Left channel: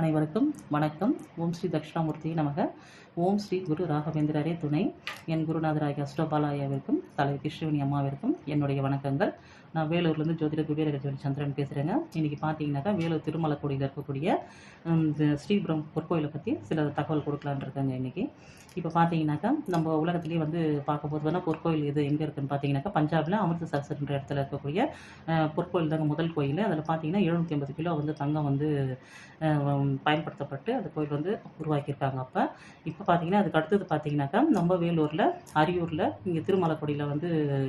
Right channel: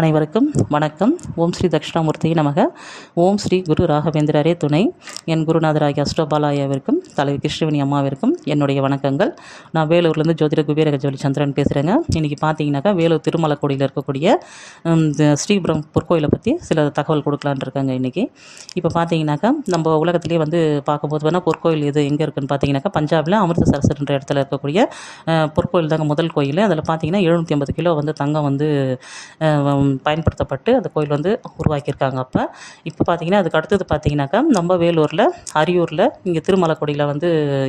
அனைவருக்கும் வணக்கம். ஓம் ஸ்ரீ தட்சிணாமூர்த்தியை நமக. ஓம் ஸ்ரீ குரு ராகவேந்திரரே துணை. என் குருநாதராகிய அஷ்டபாலாயாவிற்கும் தலைவி கிருஷ்ணவேணி அம்மாவிற்கும் என்னுடைய வணக்கங்கள். நான் வேலூர்லேருந்து ஜோதிட குபேரகஜோலி சந்திரன் பேசுகிறேங்க. இன்றைக்கி பார்த்தீங்கன்னாக்கா வேலூர் திருமலக்கோடியில் இருக்கக்கூடிய ஸ்ரீபுரம் பொற்கோயிலை பற்றி சில தகவல் கொடுக்கலான் இருக்காங்க இன்றைக்கி. இப்போ பார்த்தீங்கன்னாக்கா நம்ம உலகத்திலே பார்க்கும்போது வேணால் பொற்கோயில் எது எங்கே இருக்குதுன்னு பார்த்தீங்கன்னாக்கா பஞ்சாபில் அமிர்தசரஸ்ன்ற இடத்துல இருக்கக்கூடிய பொற்கோயில் தாங்க முதல் கோயில். அதில் பார்த்தீங்கன்னா 750 கிலோ தங்கம் பயன்படுத்தப்பட்டு அந்த கோயில் உருவாக்கியிருக்காங்க. இப்போ பார்த்தீங்கன்னா அதுக்கு அடுத்தது பார்த்தீங்கன்னாக்கா நம்ம வேலூரில் அரியூரில் இங்கே திருமலக்கோடியில்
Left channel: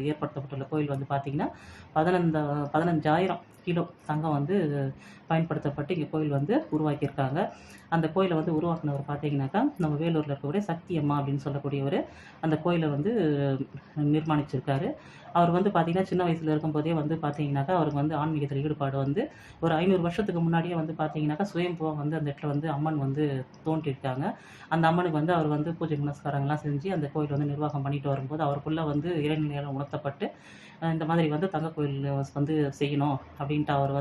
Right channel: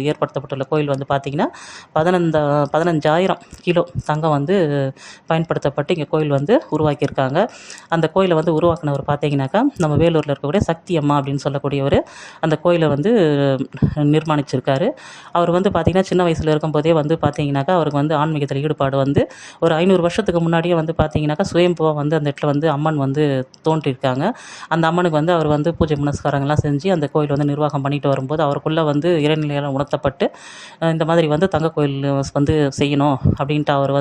ஏற்படுத்தப்பட்டுள்ள கோயில் பார்த்தீங்கன்னா 15,000 கிலோ தங்கம் பயன்படுத்தப்பட்டு இங்கே கோயில் உருவாக்கியிருக்காங்க. அந்த கோயிலை உருவாக்கினவர் பார்த்தீங்கன்னாக்கா நம்ம வேலூரில் இருக்கக்கூடிய சக்தி அம்மா அப்படின்னு சொல்லக்கூடியவர் அந்த கோயிலை நிர்மாணிச்சிருக்காரு. அவர் பார்த்தீங்கன்னா சின்ன வயசில் இருக்கும்போதே பார்த்தீங்கன்னாக்கா அவருக்கு ஆன்மீகத்தில் ஈடுபாடு ஒரு 500 வருஷத்துக்கு முன்னாடியே பார்த்தீங்கன்னாக்கா சுயம்புவாக அந்த இடத்துல அம்மன் தோன்றியிருக்காங்க. அந்த அம்மனுக்கு அவர் பூஜை புனஸ்காரங்கள்லாம் செஞ்சு அந்த கோயில் நிர்வாகம் பண்ணிட்டு வரும்போது அவருக்குள்ளே இறைநிலையால் உணர்த்தப்பட்டு இந்த மாதிரி தங்க கோயில் செய்யணும் அப்படின்ட்டு அவர்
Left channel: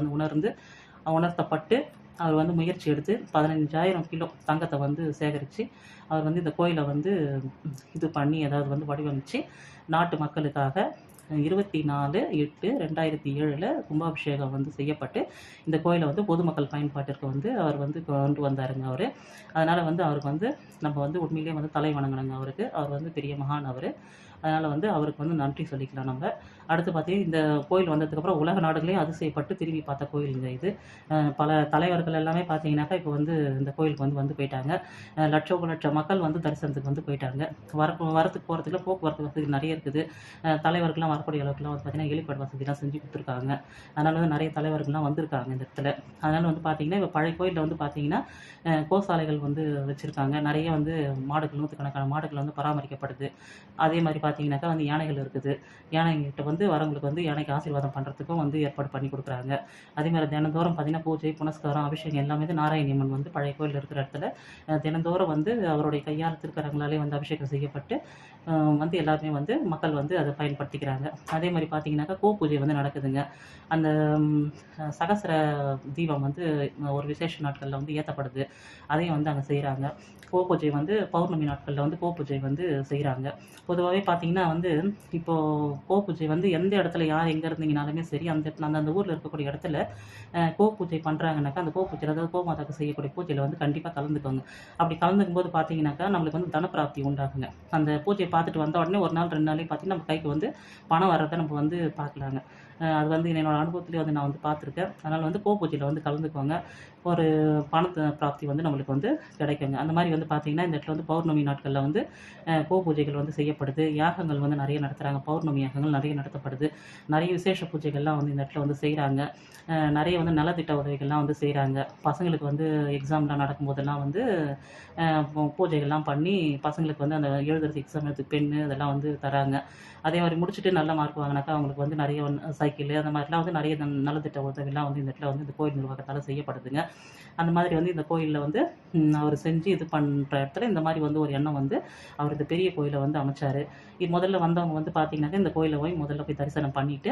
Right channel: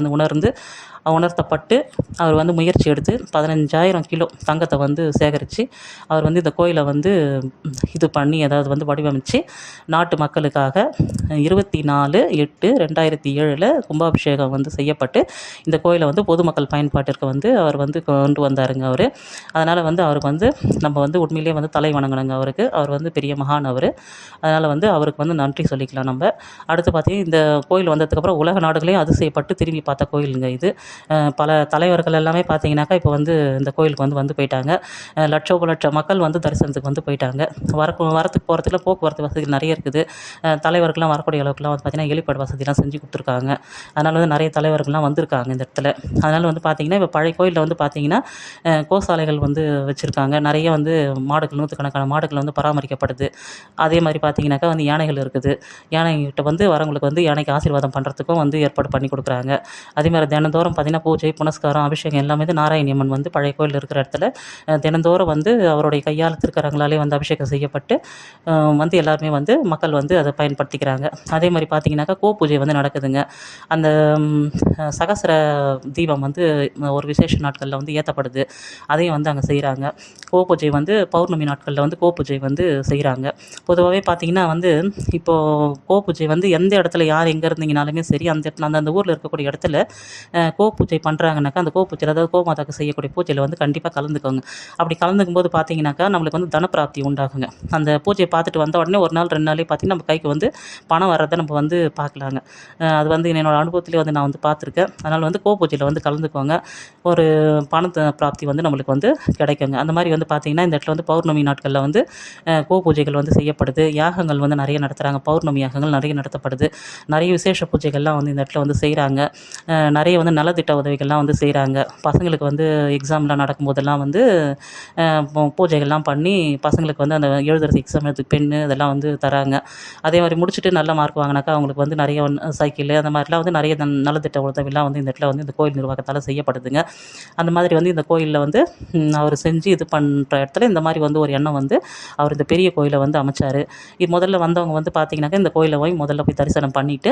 உணர்த்தப்பட்டு அவர் முயற்சி எடுத்து 15,000 கிலோ தங்கத்தை சேகரித்து அவர் இந்த கோயிலை இது பண்ணி அதாவது வடிவமைச்சு நாட்டு மக்களுக்காக 24/8/2007 கும்பாபிஷேகம் செய்யப்பட்டு இந்த கோயிலை பொதுமக்கள் பயன்பாட்டிற்கு அவர் கொண்டு வந்தாருங்க. அவர் அதனால் அவருக்கு நம்ம உண்மையிலே தலை வணங்கணுங்க. அவருக்கு அவர் பெரிய மகான். அதனால் அவருக்கு நன்றி சொல்லிக்கலாம் நம்ம. அடுத்து பார்த்தீங்கன்னா இந்த கோயில் வந்ததுக்கப்புறம் உலக நாடுகளையும் அதிசயப்பட்டு திரும்பி பார்த்த கோயிலுங்க இது. பல தலைவர்கள் எல்லாமே பார்த்தீங்கன்னாக்கா இப்போ இந்த கோயிலுக்கு போயிட்டாங்க. லட்ச மக்கள் தரிசனத்துக்கு போயிட்டாங்க. வரத்துக்கு போகிறதுக்குள்ள போக்குவரத்து வசதிகள் நிறைய இருக்குது. தலைவர்கள்லாம் வரக்கூடிய அளவுக்குலாம் பார்த்தீங்கன்னா ஹெலிபேட் வசதிலாம் செஞ்சு கொடுத்துருக்காங்க. அதனால் நிறைய தலைவர்கள்லாம் வந்திருக்காங்க இந்த இடத்துல. அதனால் பார்த்தீங்கன்னா இப்போ பழைய கோயிலில் பார்த்தீங்கன்னா கோசாலைகள் வச்சுருக்காங்க. நிறைய மாடுகள் 100கணக்கான மாடுகள் பராமரிக்கப்படுது. அதே மாதிரி பார்த்தீங்கன்னாக்கா யானைகள் இருக்குது. யானைகிட்ட வரவங்களுக்கு யானைக்கு ஆசீர்வாதம் பண்ணுறதுக்கும் ஏற்பாடு பண்ணி கொடுக்குறாங்க. அதே மாதிரி தினந்தோறும் பார்த்தீங்கன்னா பூஜை புனஸ்காரம் அபிஷேகம் எல்லாமே நாராயணியம்மன் பழைய கோயில் இருக்கிற இடத்துல தினந்தோறும் அவருடைய கையால் திருக்கரங்களாலே அபிஷேகம் செய்யப்பட்டு எல்லாருமே மக்கள் அதை பயன்படுத்திக்கிறாங்க. அதே மாதிரி பார்த்தீங்கன்னாக்கா பூஜை நடக்குதுங்க. அந்த சகசிர தீபம் ஒரு விசேஷ நாட்களில் ஏற்றப்படுது. அதையும் அங்கே செய்கிறாங்க. பூஜை பௌர்ணமி நாட்களில் பூஜை செய்கிறாங்க. பொதுவாகவே பார்த்தீங்கன்னா இப்போது பூஜை எந்த இடத்துல யார் எங்கே இருந்தீங்கனாலுமே சரி அந்த இடத்துல அந்த ஊரில் இருக்கக்கூடிய இடத்துல பூஜை பண்ணுறாங்கனாக்கா அந்த பூஜையில் அதாவது கோமாதாக்கு செய்யக்கூடிய பூஜையில் கண்டிப்பாக கலந்துக்கோங்க. அப்படி கலந்துக்கும் போது பார்த்தீங்கன்னாக்கா நம்மளுக்கு தனப்பிராப்தி உண்டாகுங்க. அந்த பூஜையை பார்த்துட்டு வந்த உடனே ஒரு நாள் 2 நாளே பார்த்தீங்கன்னா நம்ம கைக்கு பணம் வர்றதை நம்ம பார்க்கலாங்க. அது என்னோடய அனுபவத்திலே நான் பார்த்துருக்கேன். அதனால் பூஜையில் கலந்துக்கோங்க. ஒரு பணத்தை பிராப்தி நம்மளுக்கு கிடைக்குங்க. அந்த மாதிரி பார்த்தீங்கன்னா இந்த இடத்துல பௌர்ணமி நாட்களில் பூஜைகள் செய்யப்படுது. யாகங்கள் நிறைய நடத்துகிறாங்க. பௌர்ணமி யாகங்கள் நிறைய நடத்தப்படுது. நிறைய விசேஷ பூஜைகள்லாம் இந்த இடத்துல செய்கிறாங்க. நிறைய நலத்திட்ட உதவிகள்லாம் செய்கிறாங்க. பசங்களுக்கு எக்ஸாம்லாம் நடக்கும்போதெல்லாம் பூஜைகள்லாம் பண்ணி பசங்களுக்கு அந்த எழுதுறது எக்ஸாம் எழுதுறதுக்கு பென்னு இதெல்லாம் தராங்க. அதே மாதிரி முடிச்சுட்டு நல்ல மார்க் வாங்கினாக்கா அவங்களுக்கு நிறைய சைக்கிள் அந்த மாதிரிலாம் நிறைய நலத்திட்ட உதவிலாம் இந்த இடத்துல இந்த கோயில் நிர்வாகத்தால் செய்யப்படுதுங்க. அந்த மாதிரி இந்த கோயிலில் அவர் செஞ்சு இது பண்ணுற இடத்துல இந்த மாதிரி ஒரு எண்ணம் அவர் இந்த பெரிய கோயிலை அமைச்சார். முதல்ல வந்தவங்க பார்த்தீங்கன்னாக்கா இந்த கோயிலை முதல்ல போய் தரிசனம் பண்ணிவிட்டு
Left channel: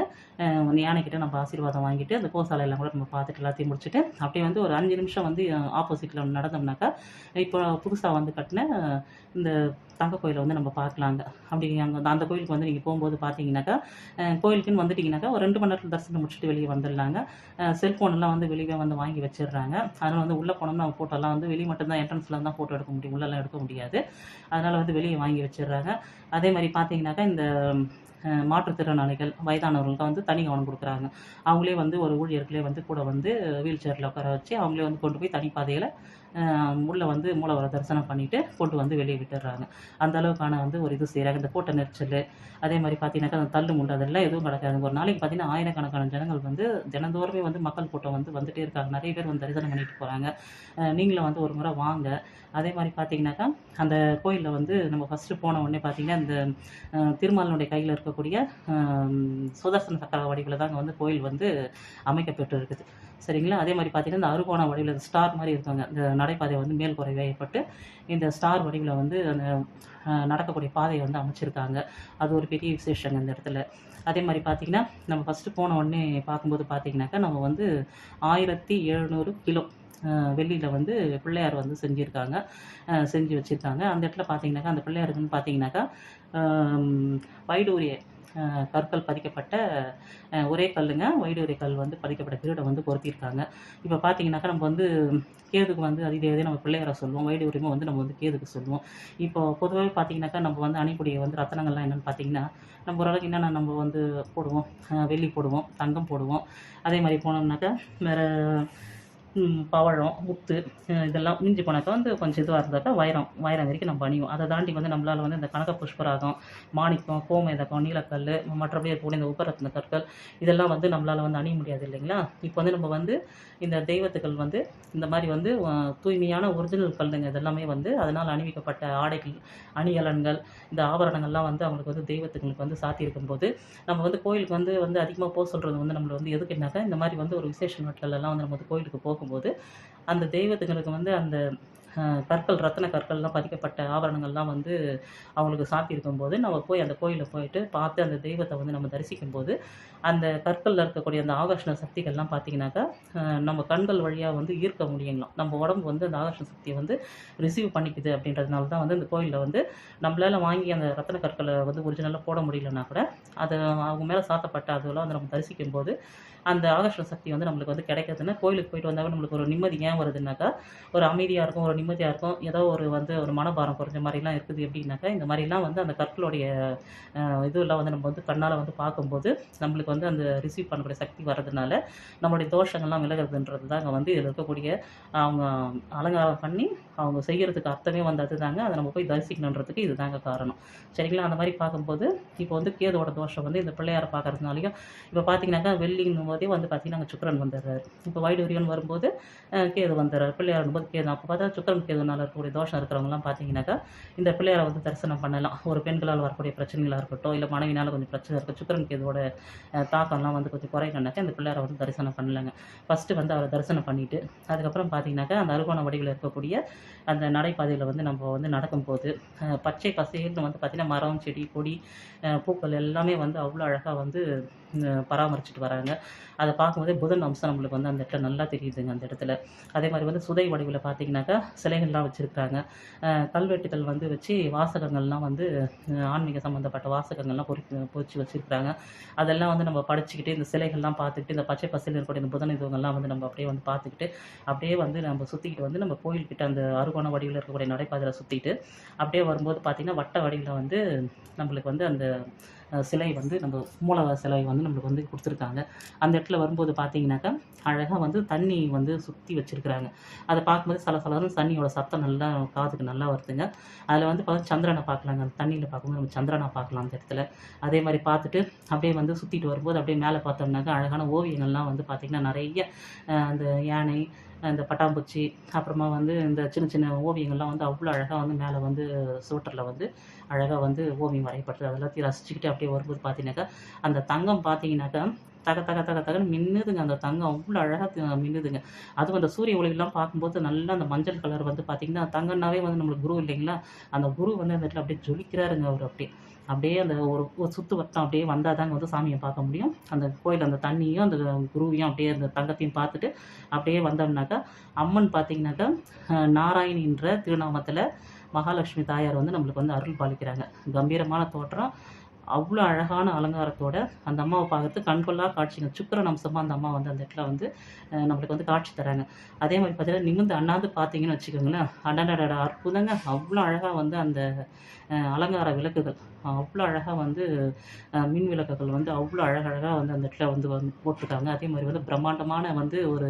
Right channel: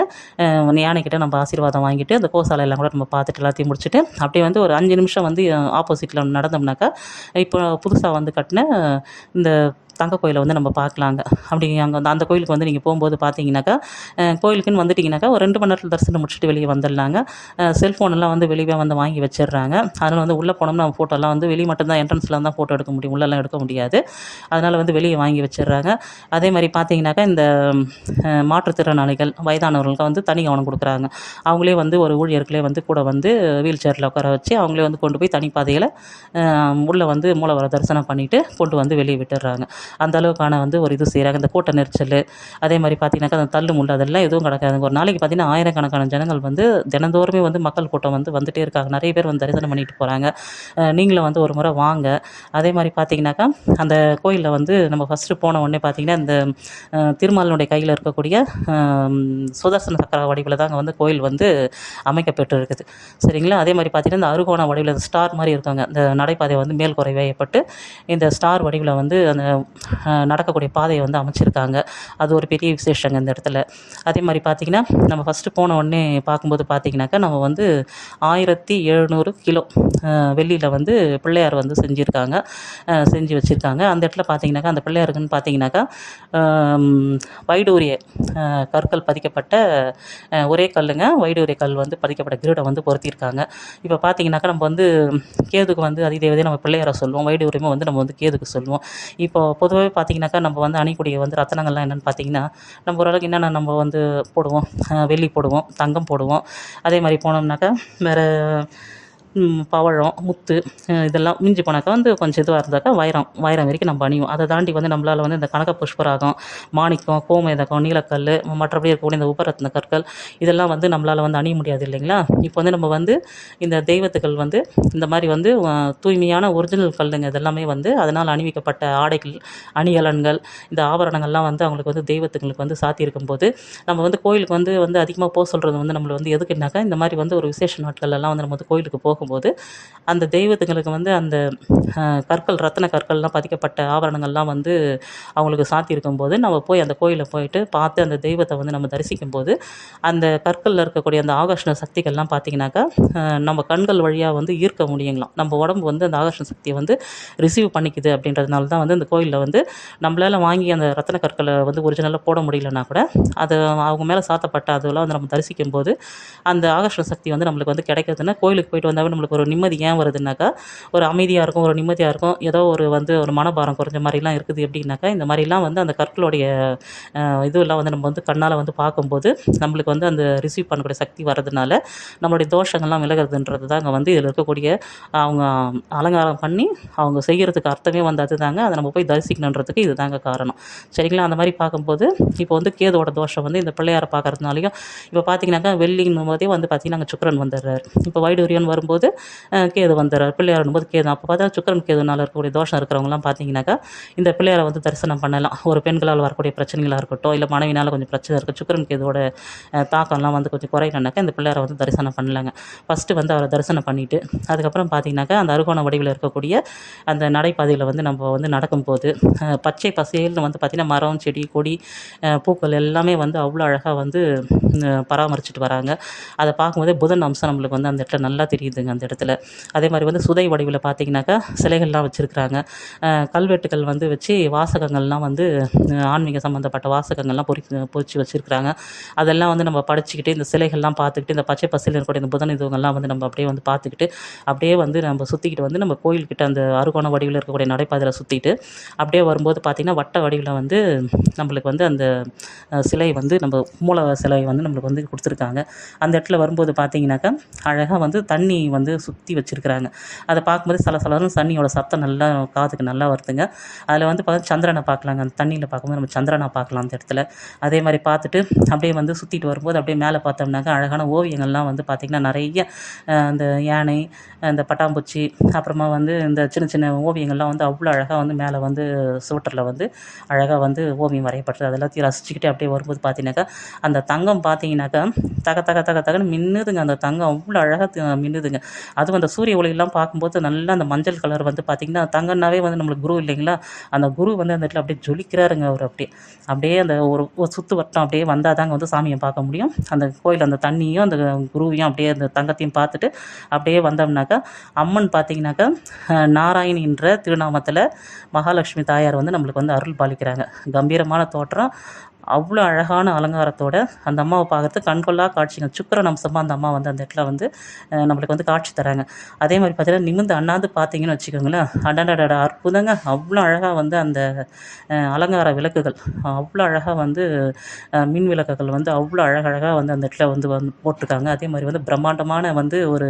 யானைக்கிட்ட நம்ம ஆசீர்வாதம் வாங்கிட்டு அந்த கோசாலையெல்லாம் கூட நம்ம பார்த்துட்டு எல்லாத்தையும் முடிச்சுட்டு அப்படியே ஒரு 5 நிமிஷம் ஆப்போசிட்டில் நடந்தோம்னாக்கா இப்போ புதுசாக கட்டின இந்த தங்க கோயிலை நம்ம பார்க்கலாங்க. அப்படி அங்கே அந்த கோயிலுக்கு நீங்கள் போகும்போது பார்த்தீங்கன்னாக்கா கோயிலுக்குன்னு வந்துட்டிங்கனாக்கா ஒரு 2 மணி நேரத்தில் தரிசனம் முடிச்சுட்டு வெளியே வந்துடலாங்க. செல்ஃபோனெல்லாம் வெளியே வாங்கி வச்சிடுறாங்க. அதனால் உள்ளே போனோம்னா ஃபோட்டோலாம் வெளியே மட்டும்தான் என்ட்ரன்ஸில் தான் ஃபோட்டோ எடுக்க முடியும். உள்ளெல்லாம் எடுக்க முடியாது. அதனால் வெளியே வாங்கி வச்சிடுறாங்க. அதே மாதிரி பார்த்தீங்கன்னாக்கா இந்த மாற்றுத்திறனாளிகள் வயதானவர்களுக்கு தனி கவனம் கொடுக்குறாங்க. அவங்களே ஒரு ஊழியர்களே கூட வீல் சேரில் உட்கார வச்சு அவங்களே கொண்டு போய் தனிப்பாதையில் உள்ளே மூலவர தரிசனம் பண்ணிவிட்டு கொண்டு வெளியே விட்டுடுறாங்க. அந்த அளவுக்கான ஒரு இது செய்கிறாங்க. இந்த கூட்ட நெரிச்சல் அதே மாதிரி பார்த்தீங்கன்னாக்கா அந்த தள்ளு முள்ளு அதெல்லாம் எதுவும் கிடக்காதுங்க. ஒரு நாளைக்கு பார்த்தீங்கன்னா ஆயிரக்கணக்கான ஜனங்கள் தினந்தோறுமே மக்கள் கூட்டம் வந்துகிட்டே இருக்காங்க. நிறைய பேர் தரிசனம் பண்ணிட்டு போகிறாங்க. நீங்களும் ஒரு முறை வாங்க. அதே மாதிரி பார்த்தீங்கன்னாக்கா அந்த கோயிலில் நம்ம ஃபஸ்ட்டு போன உடனே பார்த்தீங்கன்னா இந்த திருமாலினுடைய கையில் இருக்கக்கூடிய சுதர்சன சக்கர வடிவில் தாங்க கோயில் அமைக்கப்பட்டு இருக்குது. சரிங்களா? அதே மாதிரி பார்த்தீங்கன்னா இந்த அறுகோண வடிவில் ஸ்டார் மாதிரி இருக்காங்க. இந்த நடைபாதை மேல் குறை வேயப்பட்டு இந்த ஸ்டார் வடிவில் அந்த நடக்கக்கூடிய பாதையை வந்து அமைச்சிருக்காங்க. அது ஒரு பெரிய விசேஷங்க இந்த இடத்துல. அதே மாதிரி பார்த்திங்கன்னா, நம்ம ஃபஸ்ட்டு போன உடனே பார்க்கும்போது பார்த்திங்கனாக்கா, நம்ம வந்து 1700 கிலோ வெள்ளியில் வந்து பிள்ளையார் வந்து செஞ்சுருக்காங்க, செஞ்சு வச்சுருக்காங்க. அந்த இடத்துல பார்த்திங்கனாக்கா, அந்த பிள்ளையாருக்குன்னு பார்த்திங்கனாக்கா வைடூரிய கற்கள் பதிக்கப்பட்ட ஒரே கல்லுங்க. வைடூரிய கல் வந்து பதிக்கப்பட்ட கிரீடம் வந்து பொருத்தியிருக்காங்க. இப்போ பார்த்திங்கனாக்கா, நம்ம வந்து கேதுக்கு வந்து அதிதேவதையை நம்ம பிள்ளையாரை சொல்லுவோம். வைடூரியமாக வந்து நம்ம வந்து கேதுக்கு சொல்லுவோம். இப்போ பொதுவாகவே பார்த்திங்கனாக்கா, நம்ம வந்து அணியக்கூடிய வந்து ரத்தனங்கள்லாம் என்னென்னு பார்த்திங்கன்னா, நம்ம ஓரளவுக்கு என்னென்ன நம்ம வந்து போடுவோம், வெள்ளி போடுவோம், தங்கம் போடுவோம். அதே மாதிரி போனோம்னாக்கா வேறு பவழம், முத்து, இதெல்லாம் மிஞ்சி போனாக்கா வந்து கொஞ்சம் இதுவாக இருந்தாக்கா வைரம் வரைக்கும் நம்ம அணிவோம். அதை தாண்டி வந்து நம்மளால் வந்து இந்த கனக புஷ்பராகம், மாணிக்கம், கோமேதகம், நீலக்கல், மற்றபடி இருக்கக்கூடிய இந்த உபரத்ன கற்கள் இதெல்லாம் வந்து நம்மளால் வந்து அணிய முடியாது இல்லைங்களா? இப்போ வந்து நம்ம வந்து இந்த தெய்வத்துக்கள் வந்து இந்த மாதிரி வந்து தூய்மையான ஒரிஜினல் கல்லுங்க இதெல்லாமே வந்து அதனால் அணிவிக்கப்பட்ட ஆடைகள், அணிகலன்கள், இந்த ஆபரணங்கள்லாம் வந்து அவங்களுக்கு வந்து தெய்வத்துங்களுக்கு வந்து சாத்தியிருக்கும்போது, நம்ம வந்து கோயிலுக்கு வந்து வந்து அதிகமாக போக சொல்கிறது வந்து நம்மளை வந்து எதுக்குன்னாக்கா, இந்த மாதிரி வந்து ஒரு விசேஷ நாட்கள்லாம் வந்து நம்ம வந்து கோயிலுக்கு போகும்போது அந்த தெய்வத்துங்களுக்கு வந்து அந்த கற்கள், ரத்தின கற்கள்லாம் பதிக்கப்பட்ட ஆபரணங்கள்லாம் வந்து அவங்களுக்கு சாத்தியிருக்கும்போது, நம்ம போய் அந்த கோயிலில் போயிட்டு பார்த்து அந்த தெய்வத்தை வந்து நம்ம தரிசிக்கும்போது, அந்த கற்களில் இருக்கக்கூடிய அந்த ஆகர்ஷண சக்திகள்லாம் பார்த்திங்கனாக்கா, நம்ம கண்கள் வழியாக வந்து ஈர்க்க முடியுங்களாம். நம்ம உடம்பு வந்து அந்த ஆகர்ஷண சக்தியை வந்து ரிசீவ் பண்ணிக்குது. அப்படின்றதுனால தான் வந்து அந்த கோயிலில் வந்து நம்மளால் வாங்கி அந்த ரத்தின கற்களை வந்து ஒரிஜினலாக போட முடியலன்னா கூட, அது அவங்க மேலே சாத்தப்பட்ட அதெல்லாம் வந்து நம்ம தரிசிக்கும்போது அந்த ஆகர்ஷண சக்தி வந்து நம்மளுக்கு வந்து கிடைக்கிறதுனா, கோயிலுக்கு போயிட்டு வந்தாவே நம்மளுக்கு ஒரு நிம்மதி ஏன் வருதுன்னாக்கா, ஒரு அமைதியாக இருக்கும், ஒரு நிம்மதியாக இருக்கும். ஏதோ ஒரு வந்து ஒரு மனபாரம் குறைஞ்ச மாதிரிலாம் இருக்குது எப்படின்னாக்கா, இந்த மாதிரிலாம் வந்து அந்த கற்களுடைய இதுவெல்லாம் வந்து நம்ம வந்து கண்ணால் வந்து பார்க்கும்போது நம்மளுக்கு வந்து அந்த ரிசீவ் பண்ணக்கூடிய சக்தி வர்றதுனால நம்மளுடைய தோஷங்கள்லாம் விலகிறதுன்றது தான் அங்கே வந்து இதில் இருக்கக்கூடிய அவங்க அலங்காரம் பண்ணி அவங்க செய்கிறதுக்கு அர்த்தமே வந்து அதுதாங்க. அதை நம்ம போய் தரிசிக்கணுன்றதுக்கு இது தாங்க காரணம். சரிங்களா? அந்த மாதிரி பார்க்கும்போது இப்போ வந்து கேதுவோட தோஷம் வந்து இந்த பிள்ளையாரை பார்க்கறதுனாலையும் இப்போ பார்த்திங்கனாக்கா, வெள்ளிங்கும் போதே வந்து பார்த்திங்கன்னா அங்கே சுக்கிரன் வந்துடுறாரு. இப்போ வைடூரியன் வரும்போது கேது வந்துடுறாரு. பிள்ளையார் போது கேது. அப்போ பார்த்தா சுக்கிரன் கேதுனால் இருக்கக்கூடிய தோஷம் இருக்கிறவங்கலாம் பார்த்திங்கனாக்கா, இந்த பிள்ளையாரை வந்து தரிசனம் பண்ணலாம். ஒரு பெண்களால் வரக்கூடிய பிரச்சனைகளாக இருக்கட்டும், இல்லை மனைவினால் கொஞ்சம் பிரச்சனை இருக்குது, சுக்கிரன் கேதுவோட தாக்கம்லாம் வந்து கொஞ்சம் குறையணுன்னாக்கா இந்த பிள்ளையாரை வந்து தரிசனம் பண்ணலாங்க. ஃபஸ்ட்டு வந்து அவரை தரிசனம் பண்ணிவிட்டு அதுக்கப்புறம் பார்த்திங்கனாக்கா, அந்த அறுகோண வடிவில் இருக்கக்கூடிய அந்த நடைபாதையில் வந்து நம்ம வந்து நடக்கும்போது பச்சை பசேல்னு வந்து பார்த்திங்கன்னா மரம், செடி, கொடி, பூக்கள் எல்லாமே வந்து அவ்வளோ அழகாக வந்து பராமரிச்சுட்டு வராங்க. அதை பார்க்கும்போதே புதன் அம்சம் நம்மளுக்கு வந்து அந்த இடத்துல நல்லா தெரியுதுங்க அந்த இடத்துல. அதே மாதிரி வந்து சுதை வடிவில் பார்த்திங்கனாக்கா சிலைகள்லாம் வச்சுருக்குறாங்க. கல்வெட்டுகள் வந்து வச்சு வாசகங்கள்லாம் வந்து ஆன்மீக சம்மந்தப்பட்ட வாசகங்கள்லாம் பொறிச்சு வச்சுருக்குறாங்க. அதெல்லாம் வந்து நம்ம படிச்சுக்கிட்டு இந்த சிலைகள்லாம் பார்த்துக்கிட்டு இந்த பச்சை பசேல்னு இருக்கக்கூடிய இந்த புதன் இதுவங்கள்லாம் வந்து நம்ம அப்படியே வந்து பார்த்துக்கிட்டு அப்படியே வந்து நம்ம சுற்றிக்கிட்டு வந்து நம்ம கோயில்கிட்ட அந்த அறுகோண வடிவில் இருக்கக்கூடிய நடைபாதையில் சுற்றிட்டு அப்படியே வரும்போது பார்த்திங்கன்னா வட்ட வடிவில் வந்து நம்மளுக்கு வந்து அந்த சிலை வந்து நம்ம மூல சிலை வந்து நம்மளுக்கு வந்து கொடுத்துருக்காங்க. அந்த இடத்துல வரும்போது பார்த்திங்கனாக்கா அழகாக வந்து தண்ணி வந்து சுற்றி வச்சுருக்குறாங்க. அதை பார்க்கும்போது சலசலன்னு தண்ணியோட சத்தம் நல்லா காதுக்கு நல்லா வருதுங்க. அதில் வந்து சந்திரனை பார்க்கலாங்க. அந்த தண்ணியில் பார்க்கும்போது நம்ம சந்திரனை பார்க்கலாம் அந்த இடத்துல. அதே மாதிரி பார்த்துட்டு அப்படியே வந்து சுற்றிட்டு வரும்போது அப்படியே மேலே பார்த்தோம்னாக்கா அழகான ஓவியங்கள்லாம் வந்து பார்த்திங்கன்னா நிறைய அந்த யானை, இந்த பட்டாம்பூச்சி, அப்புறமா வந்து இந்த சின்ன சின்ன ஓவியங்கள்லாம் வந்து அவ்வளோ அழகாக வந்து மேலே வந்து சுவற்றில் வந்து அழகாக வந்து ஓவியம் வரையப்பட்டது. அது எல்லாத்தையும் ரசிச்சுக்கிட்டு அப்படியே வரும்போது பார்த்தீங்கன்னாக்கா, அந்த தங்கம் பார்த்தீங்கன்னாக்கா தக தக தக தகன்னு மின்னுதுங்க. அந்த தங்கம் அவ்வளோ அழகாக மின்னுதுங்க. அதுவும் அந்த சூரிய ஒளியெல்லாம் பார்க்கும்போது நல்லா அந்த மஞ்சள் கலர் வந்து பார்த்திங்கன்னா, தங்கம்னாவே வந்து நம்மளுக்கு குரு இல்லைங்களா? அந்த குரு வந்து அந்த இடத்துல அப்படியே ஜொலிக்கிறாருங்க அவர் அப்படியே. அப்படியே அந்த ஒரு சுற்று வட்டம் அப்படியே வந்தால் தாங்க வந்து சாமியை பார்க்க முடியும். அந்த கோயில் அந்த தண்ணியும் அந்த குருவையும் அப்படியே அந்த தங்கத்தையும் பார்த்துட்டு அப்படியே வந்தோம்னாக்கா, அம்மன் பார்த்திங்கனாக்கா நாராயணின்ற திருநாமத்தில் மகாலட்சுமி தாயார் வந்து நம்மளுக்கு வந்து அருள் பாலிக்கிறாங்க. கம்பீரமான தோற்றம், அவ்வளோ அழகான அலங்காரத்தோட அந்த அம்மாவை பார்க்குறதுக்கு கண்கொள்ளா காட்சிங்க. சுக்கிரன் அம்சமாக அந்த அம்மா வந்து அந்த இடத்துல வந்து நம்மளுக்கு வந்து காட்சி தராங்க. அதே மாதிரி பார்த்தீங்கன்னா நிமிர்ந்து அண்ணாந்து பார்த்தீங்கன்னு வச்சுக்கோங்களேன், அடடடா அற்புதங்க. அவ்வளோ அழகாக வந்து அந்த அலங்கார விளக்குகள் அவ்வளோ அழகாக வந்து மின் விளக்குகள் வந்து அவ்வளோ அழகழகாக வந்து அந்த இடத்துல வந்து போட்டிருக்காங்க. அதே மாதிரி வந்து பிரம்மாண்டமான வந்து ஒரு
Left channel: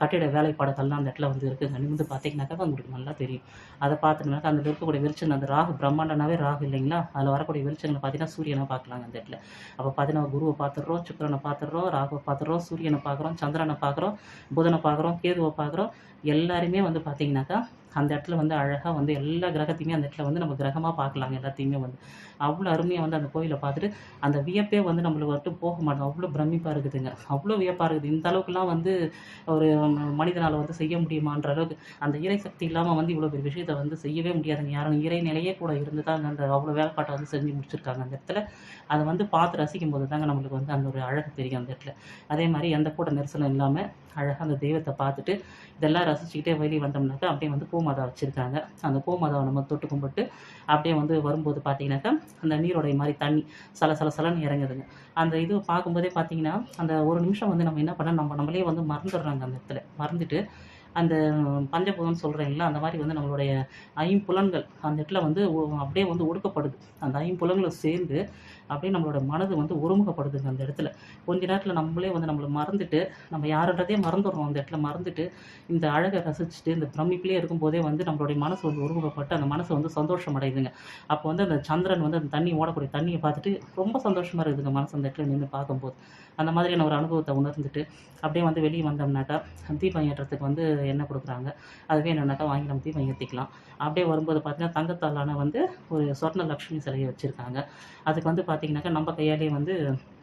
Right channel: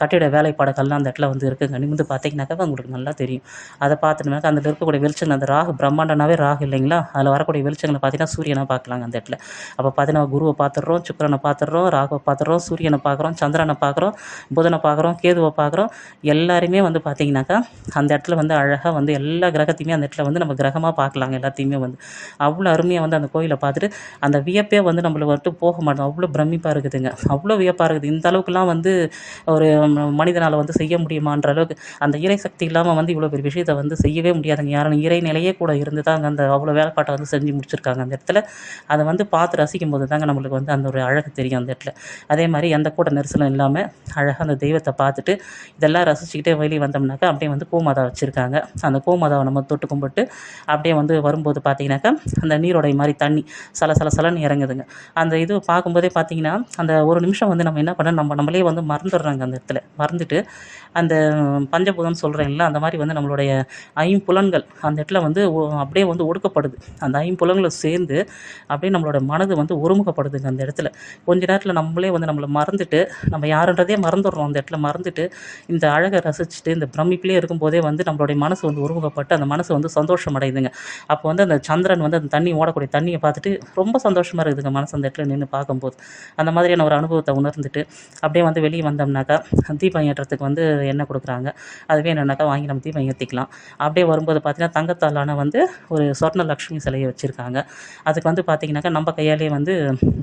கட்டிட வேலைப்பாடுகள்லாம் அந்த இடத்துல வந்து இருக்குங்க. நிமிர்ந்து பார்த்தீங்கன்னாக்கா உங்களுக்கு நல்லா தெரியும். அதை பார்த்துட்டுனாக்கா அதில் இருக்கக்கூடிய வெளிச்சங்கள், அந்த ராகு பிரம்மாண்டனாவே ராகு இல்லைங்களா? அதில் வரக்கூடிய வெளிச்சங்களை பார்த்தீங்கன்னா பார்த்தீங்கன்னா சூரியனை பார்க்கலாங்க அந்த இடத்துல. அப்போ பார்த்தீங்கன்னா குருவை பார்த்துடுறோம், சுக்கிரனை பார்த்துடுறோம், ராகுவை பார்த்துடுறோம், சூரியனை பார்க்குறோம், சந்திரனை பார்க்குறோம், புதனை பார்க்குறோம், கேதுவை பார்க்குறோம். எல்லாருமே வந்து பார்த்தீங்கன்னாக்கா அந்த இடத்துல வந்து அழகாக வந்து எல்லா கிரகத்தையுமே அந்த இடத்துல வந்து நம்ம கிரகமாக பார்க்கலாங்க எல்லாத்தையுமே வந்து. அவ்வளோ அருமையாக வந்து அந்த கோயிலை பார்த்துட்டு அந்த வியப்பே வந்து நம்மள வந்துட்டு போக மாட்டோம். அவ்வளோ பிரமிப்பாக இருக்குதுங்க. அவ்வளோ வியப்பாக இருக்குது. இந்த அளவுக்குலாம் வந்து ஒரு மனிதனால் வந்து செய்ய முடியுமான்ற அளவுக்கு அந்த இறை சக்தி இல்லாமல் வந்து இவ்வளோ பெரிய விஷயத்தை வந்து செய்யவே முடியாதுங்க. யாரும் இறை நிலையே கூட இருந்து தாங்க அந்த அவ்வளோ வேலைப்பாட்டை வந்து செஞ்சு முடிச்சிருக்காங்க அந்த இடத்துல. அதை வந்து பார்த்து ரசிக்கும் போது தாங்க நம்மளுக்கு வந்து அந்த ஒரு அழகு தெரியும் அந்த இடத்துல. அதே மாதிரி எந்த கூட்ட நெரிசலும் இல்லாமல் அழகாக அந்த தெய்வத்தை பார்த்துட்டு இதெல்லாம் ரசிச்சுக்கிட்டே வெளியே வந்தோம்னாக்கா அப்படியே வந்து பூமாதா வச்சுருக்காங்க. அந்த பூமாதாவை நம்ம தொட்டு கும்பிட்டு அப்படியே வந்து வரும்போது பார்த்தீங்கன்னாக்கா அந்த நீரோடை மாதிரி தண்ணி சலன்னு இறங்குதுங்க. அந்த இது பார்க்கும்போதே பார்த்தீங்கன்னா அந்த ஒரு நிமிஷம் வந்து நம்ம என்ன பண்ணோம், நம்மளே வந்து மறந்துடுறாங்க அந்த இடத்துல. மறந்துட்டு அந்த பஞ்சபூதம்னு சொல்கிறேன்ல, அந்த மாதிரி வந்து நம்மளுடைய ஐம்புலன்கள் அந்த இடத்துல வந்து அப்படியே வந்து ஒடுக்கப்படுது. அந்த ஐம்புலன்களும் சேர்ந்து அப்படியே நம்மளோட மனது வந்து ஒருமுகப்படுதுங்க அந்த இடத்துல. கொஞ்ச நேரத்தில் நம்மளே வந்து நம்மளை மறந்துட்டு, நம்ம யாருன்றதே மறந்துடுறோம் அந்த இடத்துல. மறந்துட்டு இந்த அழகை ரசிச்சுட்டு இந்த பிரமிப்பிலே இருக்கும்போதே வந்து நம்மளுடைய மனசு வந்து ஒருமுகப்பட்டு அந்த மனசு வந்து சந்தோஷம் அடையுதுங்க. அப்போ வந்து அந்த சந்திரன் வந்து அந்த தண்ணி ஓடக்கூடிய தண்ணியை பார்த்துட்டு ரொம்ப சந்தோஷமாக இருக்குதுங்க மனசு அந்த இடத்துல நின்று பார்க்கும்போது. அந்த மாதிரியான ஒரு அனுபவத்தை உணர்ந்துட்டு அப்படியே வந்து வெளியே வந்தோம்னாக்கா தீபம் ஏற்றத்துக்கு வந்து எண்ணெய் கொடுக்குறாங்க. அது வேணும்னாக்கா வாங்கி நம்ம தீபம் ஏற்றிக்கலாம். அப்படியே வரும்போது பார்த்தீங்கன்னா தங்கத்தாலான வந்து ஒரு சொர்ண லக்ஷ்மி சிலையை வச்சுருக்காங்க. அதுக்கு வந்து பார்த்தீங்கன்னாக்கா நம்ம கையாலேயே வந்து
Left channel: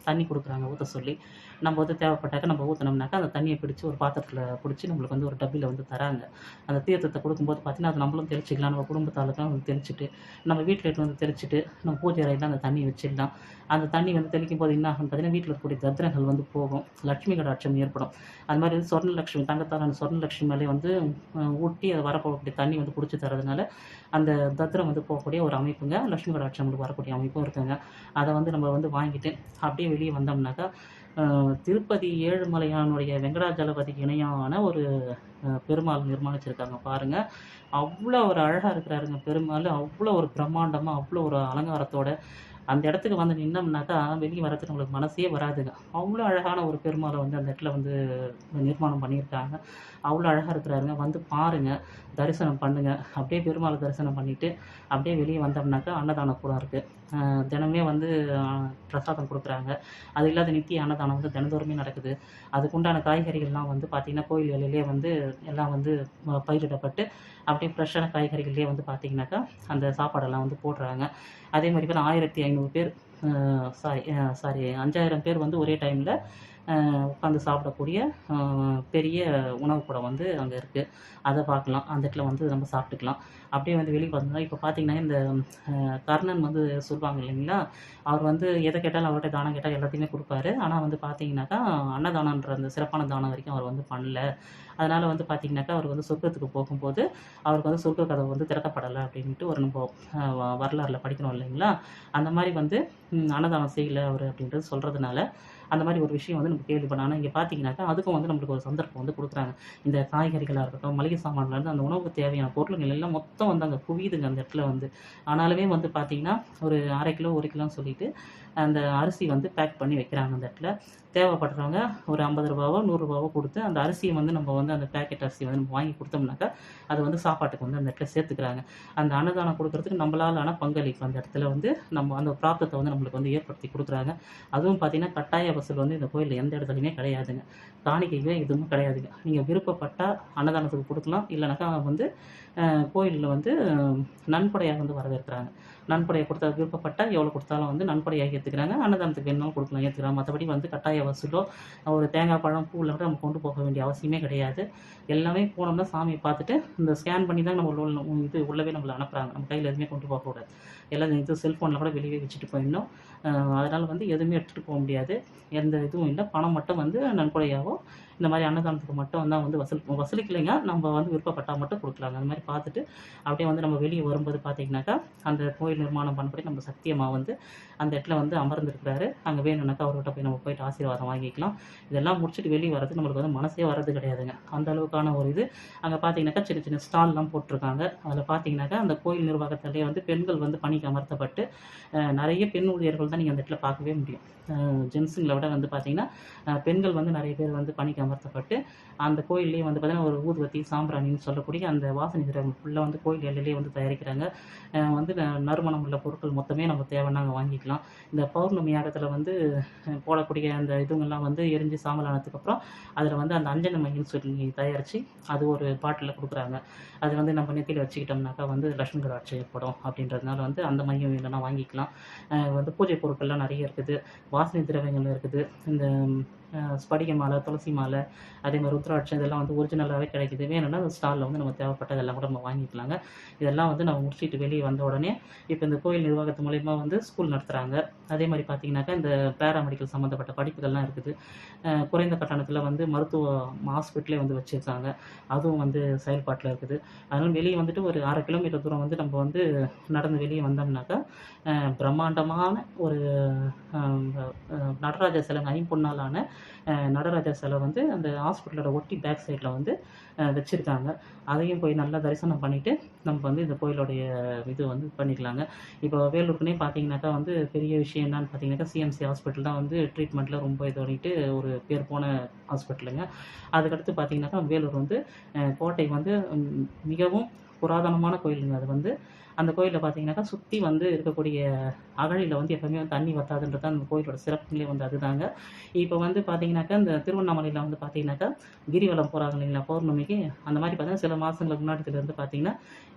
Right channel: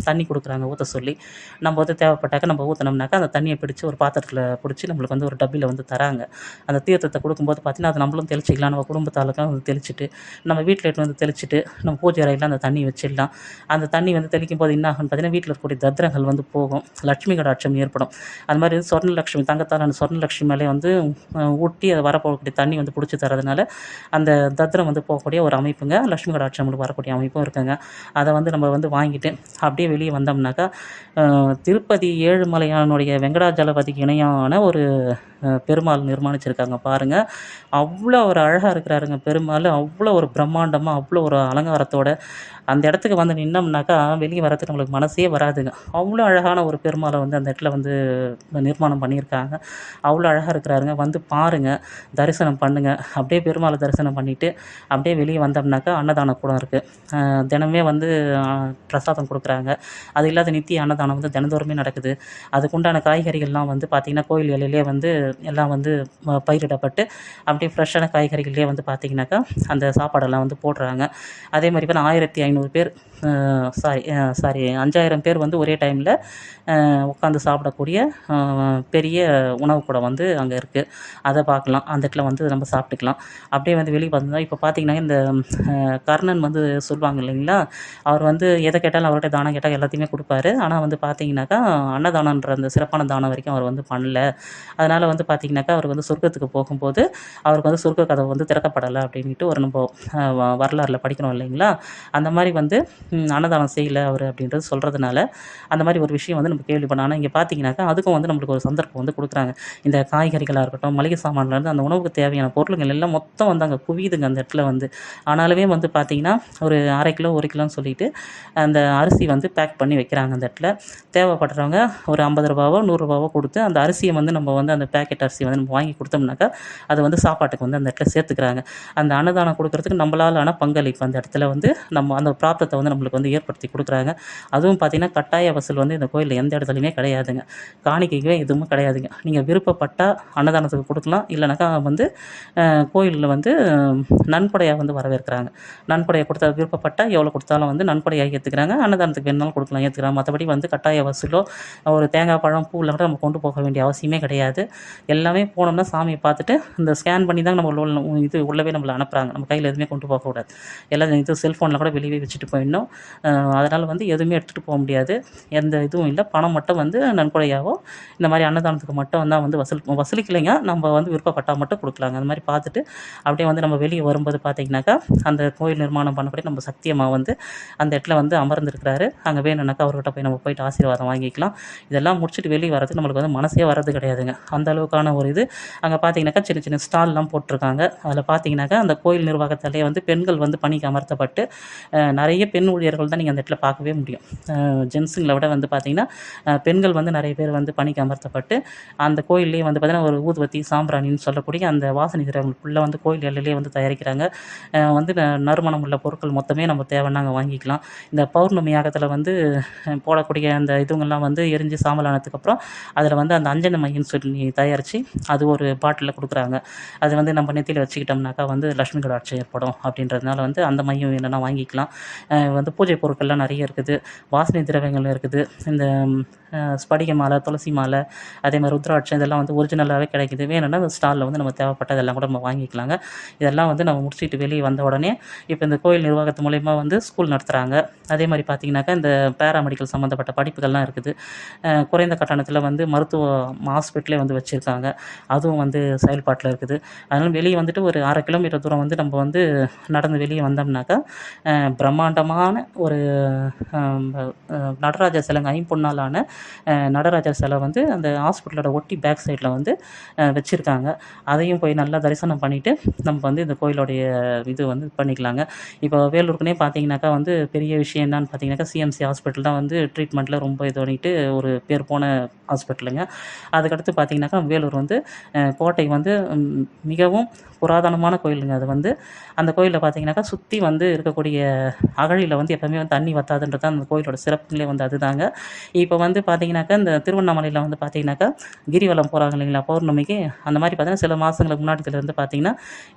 தண்ணி கொடுக்குறாங்க ஊற்ற சொல்லி. நம்ம வந்து தேவைப்பட்டாக்கா நம்ம ஊற்றினோம்னாக்கா அந்த தண்ணியை பிடிச்சி ஒரு பாத்திரத்தில் பிடிச்சி நம்மளுக்கு வந்து ஒரு டப்பியில் வந்து தராங்க. அந்த தீர்த்தத்தை கொடுக்கும்போது பார்த்தீங்கன்னா அது நம்மளும் தெளிச்சிக்கலாம். நம்ம குடும்பத்தாளுக்கும் வந்து தெளிச்சுட்டு நம்ம வீட்டில் எடுத்துன்னு வந்து தெளிச்சுட்டு நம்ம பூஜை அறையில் அந்த தண்ணி வச்சிடலாம். அந்த தண்ணி வந்து தெளிக்கும் போது என்ன ஆகும்னு பார்த்தீங்கன்னா வீட்டில் இருக்கக்கூடிய தத்திரங்கள் வந்து போகும். லட்சுமி கடாட்சம் ஏற்படும். அது மாதிரி சொர்ண லக்ஷ்மி தங்கத்தாலான சொர்ண லக்ஷ்மி மேலே வந்து ஊட்டி அதை வரப்போகக்கூடிய தண்ணி வந்து பிடிச்சி தரதுனால அந்த தத்திரம் வந்து போகக்கூடிய ஒரு அமைப்புங்க. லட்சுமி கடாட்சம் வரக்கூடிய அமைப்பும் இருக்குங்க. அதை வந்து நம்ம வந்து வாங்கிட்டு அப்படியே வெளியே வந்தோம்னாக்கா திருப்பதி ஏழுமலையானுடைய வெங்கடாஜலபதிக்கு இணையான ஒரு பெருமாள் நிர்மாணிச்சிருக்காங்க பாருங்கள். அவ்வளோ ஒரு அழகாக இருக்கிறாருங்க பெருமாள். அவ்வளோ ஒரு பிரம்மாண்டமாக அவ்வளோ ஒரு அலங்காரத்தோட அந்த இடத்துக்கு வந்து நின்னோம்னாக்கா வெளியே வரதுக்கு நம்மளுக்கு மனசே வராதுங்க. அவ்வளோ அழகான ஒரு பெருமாளை வந்து அந்த இடத்துல வந்து நிர்மாணம் பண்ணியிருக்காங்க. அவ்வளோ அழகாக இருக்கிறாருங்க. வந்து பாருங்கள், தரிசனம் பண்ணுங்கள். அப்படியே பெருமாளை தரிசனம் பண்ணிவிட்டு அப்படியே வெளியே வந்தோம்னாக்கா அன்னதான கூடம் இருக்குது. தினமே வந்து பிரசாதம் கொடுக்குறாங்க. அது இல்லாத நித்திய அன்னதானம் வந்து தினந்தோறுமே நடக்குது. அதுக்குண்டான காய்கறிகள்லாம் வந்து பார்த்திங்கன்னா கோயில் எல்லையிலே வந்து எல்லாம் வந்து பயிரிடப்பட்டு அப்படியே ஃப்ரெஷ்ஷான காய்கறிகளே வந்து பார்த்திங்கனாக்கா அந்த சாப்பாடெல்லாம் வந்து போடுறாங்க. அதே மாதிரி இப்போ 1500 பேர் சாரி 5000 பேர் வந்து ஒரே டைமில் உட்காந்து சாப்பிடக்கூடிய பெரிய உணவுக்கூடம் வந்து அங்கே இருக்குது. அதை பார்க்கலாம். அந்த இடத்துல வந்து நம்ம சாப்பிட்டுக்கலாம். அப்படியே வந்து வெளியே வந்தால் இப்போ பார்த்திங்கன்னா இந்த கர்ணன் வந்து சொல்லுவாங்க இல்லைங்களா, அவர் வந்து எதை கேட்டாலும் அவர்கிட்ட தானம் கேட்டால் எல்லாத்தையுமே கொடுப்பாரு. ஆனால் வந்து பார்த்திங்கனாக்கா அன்னதானன்ற அந்த சிறப்பான தானம் வரைக்கும் அவர் வந்து பண்ணல. அதனால் வந்து பார்த்திங்கனாக்கா அவர் வந்து சொர்க்கத்துக்கு போகும்போது அவருக்கு வந்து சொர்க்க கதவு வந்து திறக்கப்படலை அப்படின்ட்டு ஒரு நம்ம வரலாறில் படிக்கிறோம் இல்லைங்களா. அந்த மாதிரி வந்து அன்னதானம் செய்யலை அவர் அப்படின்றது சொல்கிறதுனால அந்த மாதிரி ஒரு விஷயம் வந்து நம்ம கேள்விப்படணும். ஆனால் இங்கே பார்த்தீங்கன்னாக்கா அதுக்கும் வந்து நம்மளுக்கு ஒரு சந்தர்ப்பம் வந்து கொடுக்குறாங்க. இந்த காய்கறிகளாக இருக்கட்டும், மளிகை சாமான்லேருந்து அந்த உணவுக்கு தேவையான பொருளுங்கள் எல்லாம் மொத்தம் வந்து அங்கே குவியுதுங்க அந்த இடத்துல வந்து. ஆனாலுமே வந்து பார்த்திங்கன்னா ஒரு 1/2 கிலோ 1 கிலோன்னு சொல்லிட்டு அந்த அரிசி வந்து பேக் பண்ணி வைக்கிறாங்க அந்த இடத்துல. தேவைப்படுறவங்க ஒரு 50 ரூபாவோ 100 ரூபாவோ கொடுத்து அந்த அரிசியை வந்து நம்ம வந்து அந்த பேக்கெட் அரிசியை வந்து நம்ம வாங்கி கொடுத்தோம்னாக்கா அது வந்து சாப்பாட்டுக்கு வந்து அந்த இடத்துல சேர்த்துக்கிறாங்க. அந்த அன்னதானம் கொடுக்குறதுக்கு நம்மளாலான பங்களிப்பு அந்த இடத்துல வந்து நம்ம அந்த பிராப்தத்தை வந்து நம்மளுக்கு வந்து ஏற்படுத்தி கொடுக்குறாங்க. அதுவும் பார்த்திங்கன்னா கட்டாய வசூல் வந்து இந்த கோயிலில் எந்த இடத்துலையுமே கிடையாதுங்க. காணிக்கைக்கு எதுவுமே கிடையாதுங்க. நீங்கள் விருப்பப்பட்டால் அன்னதானத்துக்கு கொடுக்கலாம். இல்லைனாக்கா வந்து கோயிலில் வந்து நன்கொடையாக வந்து வரவேற்கிறாங்க. நன்கொடையை கொடுத்தா விருப்பப்பட்டால் எவ்வளோ கொடுத்தாலும் வந்து நன்கொடையாக ஏற்றுக்கிறாங்க. அன்னதானத்துக்கு வேணுனாலும் கொடுக்கலாம், ஏற்றுக்கிறாங்க. மற்றபடி வந்து கட்டாய வசூலோ ஒரு தேங்காய் பழம் பூவில் கூட நம்ம கொண்டு போக வேண்டிய அவசியமே கிடையாது. எல்லாமே போனோம்னா சாமியை பார்த்துட்டு இந்த ஸ்கேன் பண்ணி தான் நம்ம உள்ளவே நம்மளை அனுப்புகிறாங்க. நம்ம கையில் எதுவுமே கொண்டு போகக்கூடாது. எல்லாம் இது செல்ஃபோனில் கூட வெளியே வச்சுட்டு போயிடணும். அதனால் வந்து எதுவுமே எடுத்துகிட்டு போக முடியாது. எந்த இதுவும் இல்லை. பணம் மட்டும் வந்து நன்கொடையாகவோ இந்த மாதிரி அன்னதானத்துக்கு மட்டும் தான் வந்து வசூலிக்கலைங்க. நம்ம வந்து விருப்பப்பட்டால் மட்டும் கொடுக்கலாங்க. அந்த மாதிரி பார்த்துட்டு அப்படியே வந்து நம்ம வெளியே வரும்போது பார்த்திங்கனாக்கா அந்த கோயில் நிர்மாணம் பண்ணக்கூடிய நம்ம சக்தியம்மா வந்து அந்த இடத்துல வந்து அமர்ந்திருக்கிறாரு. அங்கே வேணும்னாக்கா அவர்கிட்ட போய் நம்ம போயிட்டு ஆசீர்வாதம் வாங்கிக்கலாம். இதெல்லாம் முடிச்சுட்டு வெளியே வரதுக்கு நம்மளுக்கு வந்து மனசே வர்றது கிடையாதுங்க. அந்த அளவுக்கான ஒரு இது அங்கே பார்த்திங்கனாக்கா சின்ன சின்ன ஸ்டால்லாம் போட்டிருக்காங்க. அதில் பார்த்திங்கனாக்கா அந்த கோயில் நிர்வாகத்தாலே வந்து பெண்கள் வந்து பணிக்கு அமர்த்தப்பட்டு நிறைய பெண் ஊழியர்கள் தான் நீங்கள் அந்த இடத்துல பார்க்கவே முடியும். ஜென்ஸுங்கள விட வந்து பார்த்திங்கன்னா பெண்கள் வந்து நிறைய பேர் வந்து பணிக்கு அமர்த்தப்பட்டு அந்த கோயில்லேயே வந்து பார்த்திங்கன்னா ஒரு ஊதுவத்தி சாம்பிராணின்னு சொல்லக்கூடிய அந்த வாசனை திரவியங்கள் ஃபுல்லாக வந்து கோயில் எல்லையிலேயே வந்து தயாரிக்கிறாங்க. வந்து நறுமணம் உள்ள பொருட்கள் மொத்தமே நம்ம தேவைன்னா அங்கே வாங்கிக்கலாம். இந்த பௌர்ணமி யாகத்தில் வந்து போடக்கூடிய அந்த இதுங்கெல்லாம் வந்து எரிஞ்சு சாம்பல் ஆனதுக்கப்புறம் அதில் வந்து அந்த அஞ்சன மையன்னு சொல்லி தயாரித்து அது ஒரு பாட்டிலில் கொடுக்குறாங்க. அது வந்து நம்ம நெத்தியில் வச்சுக்கிட்டோம்னாக்கா வந்து லட்சுமி கடாட்சம் ஏற்படும் அப்படின்றதுனால வந்து அந்த மையம் வேணும்னா வாங்கிக்கலாம். வந்து பூஜை பொருட்கள்லாம் நிறைய இருக்குது. வாசனை திரவியங்கள் இருக்குது. இந்த ஸ்படிக மாலை, துளசி மாலை, அதே மாதிரி ருத்ராட்சம் இதெல்லாம் வந்து ஒரிஜினலாகவே கிடைக்குது. வேணும்னா அந்த ஸ்டாலில் வந்து நம்ம தேவைப்பட்டதெல்லாம் கூட நம்ம வாங்கிக்கலாங்க. இதெல்லாம் வந்து நம்ம முடிச்சுட்டு வெளியே வந்த உடனே இப்போ இந்த கோயில் நிர்வாகத்து மூலயமா வந்து ஸ்கூல் நடத்துகிறாங்க. அதே மாதிரி பார்த்திங்கனாக்கா இந்த பேராமெடிக்கல் சம்மந்தப்பட்ட படிப்புகள்லாம் இருக்குது. குறைந்த கட்டணத்தில் வந்து மருத்துவ ஹாஸ்பிட்டலே வந்து வச்சுருக்காங்க. அதுவும் வந்து செயல்பாட்டில் இருக்குது. அதனால் வெளியே வந்துட்டு ஒரு 1/2 கிலோமீட்டர் தூரம் வந்து நம்ம வந்து நடந்து வெளியே வந்தோம்னாக்கா பிரம்மாண்டமான ஒரு நடராஜர் சிலைங்க, ஐம்பொன்னாலான நடராஜர் சிலை வந்து அந்த ஹாஸ்பிட்டலோட ஒட்டி பேக் சைடில் வந்து வச்சுருக்காங்க. அதையும் போய் நல்லா தரிசனம் பண்ணிவிட்டு நம்ம வந்து இந்த கோயிலுடைய இது வந்து பண்ணிக்கலாங்க. இப்போ வேலூருக்குனே பார்த்தீங்கன்னாக்கா வந்து பெரிய விஷயம் என்னன்னு பார்த்தீங்கன்னாக்கா சிஎம்சி ஹாஸ்பிட்டல் தான் வந்து ட்ரீட்மெண்ட்டில் ரொம்ப இது பண்ணிட்டு ஒரு பேர் போன ஹாஸ்பிட்டலுங்க. அதுக்கடுத்து பார்த்தீங்கன்னாக்கா வேலூர் வந்து கோட்டை வந்து மிகவும் புராதனமான கோயிலுங்க. அது வந்து அந்த கோயிலில் பார்த்தீங்கன்னாக்கா சுற்றி வந்து இருக்கக்கூடிய அகழியில் வந்து எப்போவுமே வந்து தண்ணி வற்றாதுன்றது தான் அந்த கோயிலோட சிறப்புங்களே வந்து அதுதாங்க. இப்போ வந்து பார்த்தீங்கன்னாக்கா இந்த திருவண்ணாமலையில் வந்து பார்த்தீங்கன்னாக்கா கிரிவலம் போகிறாங்க இல்லைங்களா பௌர்ணமிக்கு, அந்த மாதிரி பார்த்தீங்கன்னா சில மாதங்களுக்கு முன்னாடிலேருந்து பார்த்தீங்கன்னா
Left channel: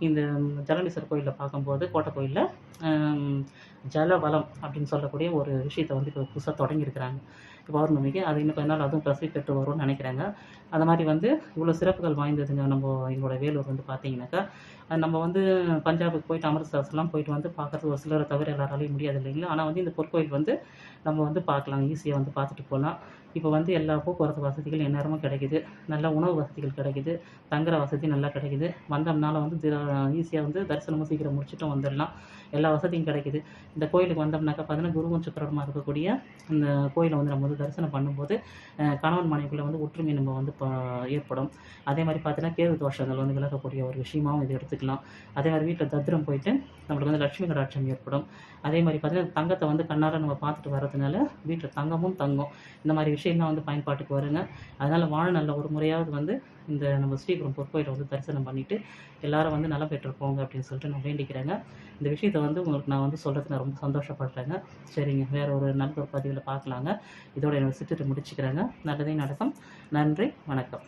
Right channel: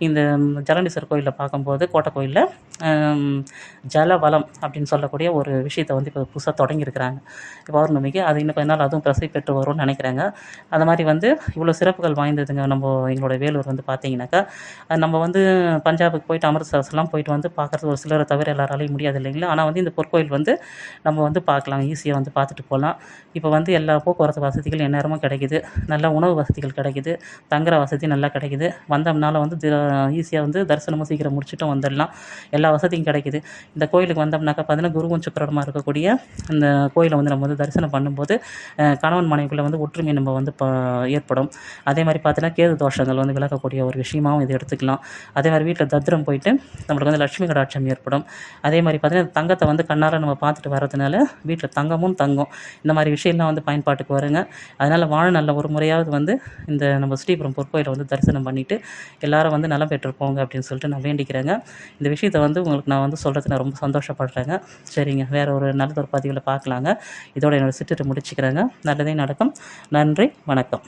இந்த ஜலண்டீஸ்வரர் கோயிலில் பார்க்கும்போது கோட்டை கோயிலில் ஜலவலம் அப்படின்னு சொல்லக்கூடிய ஒரு விஷயத்தை வந்து இப்போ புதுசாக தொடங்கியிருக்கிறாங்க பௌர்ணமிக்கு. அது இன்னும் கொஞ்ச நாள் அதுவும் பிரசித்தி பெற்று வரும்னு நினைக்கிறாங்க. அந்த மாதிரி வந்து இவ்வளோ சிறப்புகள் வாய்ந்ததுங்க எங்களோட வேலூர் வந்து பார்த்தீங்கன்னாக்கா. நம்ம வந்து பஞ்சாபுக்கு போயிட்டு அமிர்தசரஸ்லாம் போயிட்டு வந்து பார்க்குறது ஒரு சிலரை தவிர எல்லாராலையும் முடியாது இல்லைங்களா. ஆனால் வந்து இந்த பொற்கோயில் வந்து நம்ம வந்து பார்க்கலாம், ஈஸியாக வந்து பார்த்துட்டு போகலாம். இப்போ வந்து எல்லா போக்குவரத்து வசதிகள் எந்நேரமும் கிடைக்குது. நல்ல உணவு வசதிகள் கிடைக்குது. தங்குற வசதி நல்லா கிடைக்குது. வந்தோம்னால வந்து ஈஸியாக வந்து தரிசனமும் சீக்கிரம் முடிச்சுட்டும் வந்துடலாம். எல்லா வசதியும் கிடைக்குது. இந்த கோயிலுக்கு வந்தோம்னாக்கா பார்த்தீங்கன்னா குருவும் சுக்கிரனுமா இருக்கக்கூடிய இந்த கோயிலை வந்து நம்ம வந்து தரிசனம் பண்ணும்போது கணவன் மனைவிக்குள்ளே வந்து ஒற்றுமை நம்ம வந்து ஏற்படும். அதே மாதிரி பார்த்தீங்கன்னா கேது தோஷங்கள் வந்து விலகக்கூடிய ஒரு விஷயமாகவும் இது எடுத்துக்கலாம். அதே மாதிரி வீட்டில் தத்ரம் போயிட்டு நம்மளுக்கு வந்து லட்சுமி கடாட்சம் ஏற்படும். அதே மாதிரி பார்த்தீங்கன்னா தங்கத்தை வந்து கண்ணால் நம்ம பார்த்துட்டு வரதுனால வீட்டில் தங்கமும் தங்கும். இந்த மாதிரி விஷயம்லாம் வந்து பயன்பாட்டுக்கு வருங்க. அதனால் வாழ்நாளில் ஒரு முறையாவது வந்து இந்த நம்ம ஸ்ரீபுரம் பொற்கோயிலை வந்து தரிசனம் பண்ணிவிட்டு எல்லாரும் வந்து நலம் பெற்றுப்போங்க அப்படின்னு சொல்லிட்டு நான் வேண்டிக்கிறேங்க. இந்த விஷயத்தை வந்து உங்களுக்கு நான் வந்து சொல்கிறது நான் ரொம்ப சந்தோஷப்படுறேங்க. சரிங்க, வேறு ஒரு நல்லதொரு பதிவில் பார்க்கலாங்க. இதோட என்னோடய சிற்றுரை முடிச்சுக்கிறேங்க. நல்லதே நடக்கும். நன்றி, வணக்கம்.